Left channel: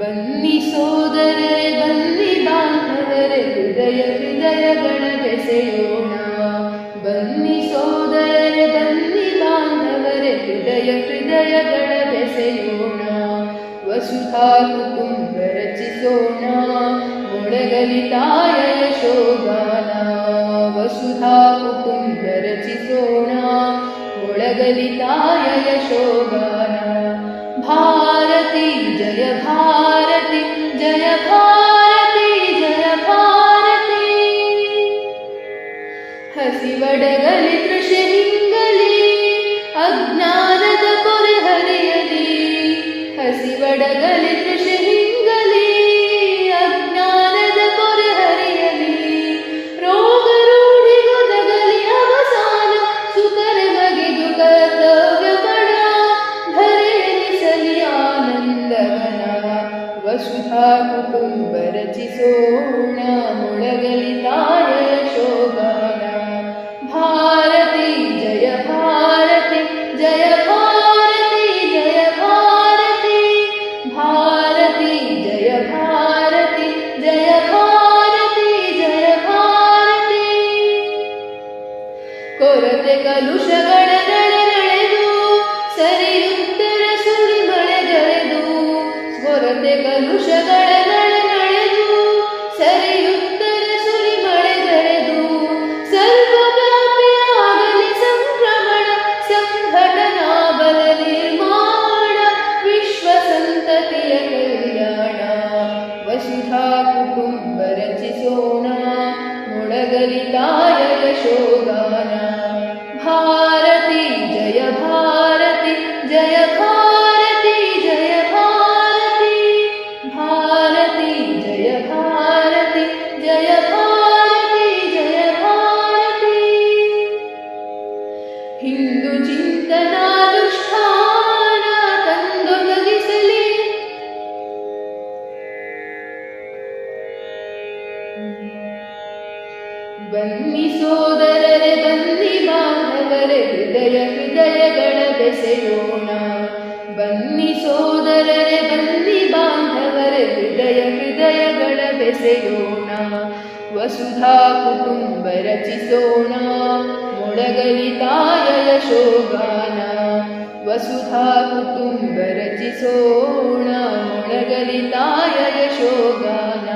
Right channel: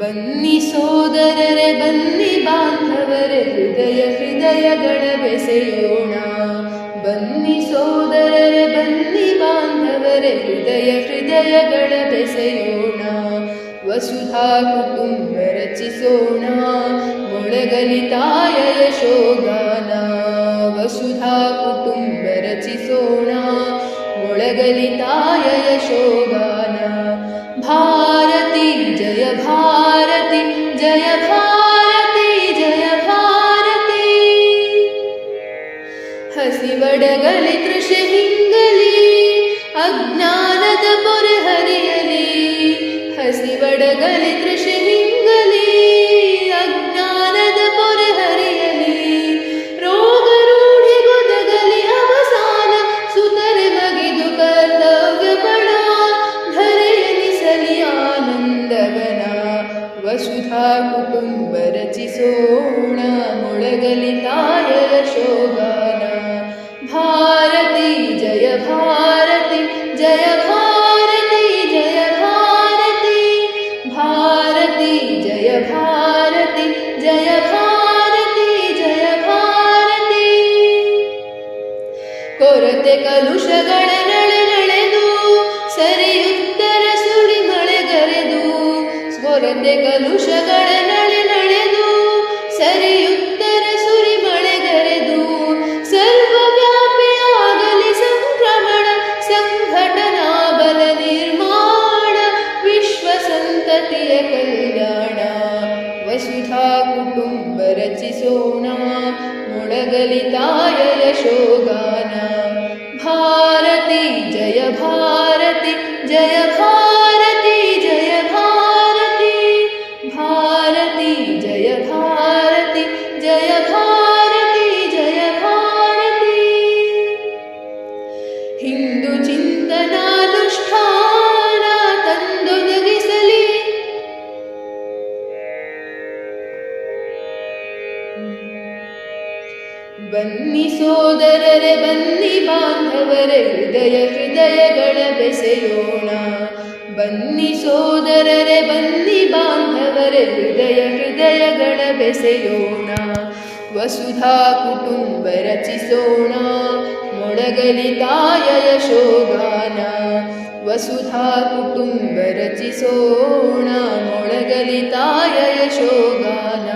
ಬನ್ನಿ ಸೋದರರೆ ಬನ್ನಿ ಬಾಂಧವರೆ ಹೃದಯ ಹೃದಯಗಳ ಬೆಸೆಯೋಣ. ಬನ್ನಿ ಸೋದರರೆ ಬನ್ನಿ ಬಾಂಧವರೆ ಹೃದಯ ಹೃದಯಗಳ ಬೆಸೆಯೋಣ. ವಸುಧಾ ಕುಟುಂಬ ರಚಿಸೋಣ ಮೊಳಗಲಿ ತಾಯ ಯಶೋಗಾನ. ವಸುಧಾ ಕುಟುಂಬ ರಚಿಸೋಣ ಮೊಳಗಲಿ ತಾಯ ಯಶೋಗಾನ. ಭಾರತಿ ಜಯ ಭಾರತಿ ಜಯ ಭಾರತಿ ಜಯ ಭಾರತಿ. ಹಸಿವಡಗಲಿ ತೃಷೆ ಹಿಂಗಲಿ ಅಜ್ಞಾನದ ಪೊರೆ ಹರಿಯಲಿ. ಹಸಿವಡಗಲಿ ತೃಷೆ ಹಿಂಗಲಿ ಅಜ್ಞಾನದ ಪೊರೆ ಹರಿಯಲಿ. ರೋಗ ರೂಢಿಗೊದಗಲಿ ಅವಸಾನ ಸುತರೆ ಬಗೆದು ಕರ್ತವ್ಯ ಪಡ ಧರೆಯನಿಸಲಿ ಆನಂದವನ. ವಸುಧಾ ಕುಟುಂಬ ರಚಿಸೋಣ ಮೊಳಗಲಿ ತಾಯ ಯಶೋಗಾನ. ಭಾರತಿ ಜಯ ಭಾರತಿ ಜಯ ಭಾರತಿ ಜಯ ಭಾರತಿ. ಭಾರತಿ ಜಯ ಭಾರತಿ ಜಯ ಭಾರತಿ ಜಯ ಭಾರತಿ. ಕೊರತೆ ಕಲುಷಗಳ ನಳೆನಳೆದು ಸರಿಯುತ್ತರ ಸುಳಿ ಮಳೆಗರೆದು. ಕೊರತೆ ಕಲುಷಗಳ ನಳೆನಳೆದು ಸರಿಯುತ್ತರ ಸುಳಿ ಮಳೆಗರೆದು. ಸರ್ವವ್ಯಾಪಿಯಾಗಲಿ ಸಂಕ್ರಮಣ ಸಂಘಟನಾ ಬಲ ನಿರ್ಮಾಣ ವಿಶ್ವ ಸಂತತಿಯ ಕಲ್ಯಾಣ. ವಸುಧಾ ಕುಟುಂಬ ರಚಿಸೋಣ ಮೊಳಗಲಿ ತಾಯ ಯಶೋಗಾನ. ಭಾರತಿ ಜಯ ಭಾರತಿ ಜಯ ಭಾರತಿ ಜಯ ಭಾರತಿ. ಭಾರತಿ ಜಯ ಭಾರತಿ ಜಯ ಭಾರತಿ ಜಯ ಭಾರತಿ. ಹಿಂದೂ ಚಿಂತನಾನುಷ್ಠಾನ ತಂದೊದಗಿಸಲಿ. ಬನ್ನಿ ಸೋದರರೆ ಬನ್ನಿ ಬಾಂಧವರೆ ಹೃದಯ ಹೃದಯಗಳ ಬೆಸೆಯೋಣ. ಬನ್ನಿ ಸೋದರರೆ ಬನ್ನಿ ಬಾಂಧವರೆ ಹೃದಯ ಹೃದಯಗಳ ಬೆಸೆಯೋಣ. ವಸುಧಾ ಕುಟುಂಬ ರಚಿಸೋಣ ಮೊಳಗಲಿ ತಾಯ ಯಶೋಗಾನ. ವಸುಧಾ ಕುಟುಂಬ ರಚಿಸೋಣ ಮೊಳಗಲಿ ತಾಯ ಯಶೋಗಾನ.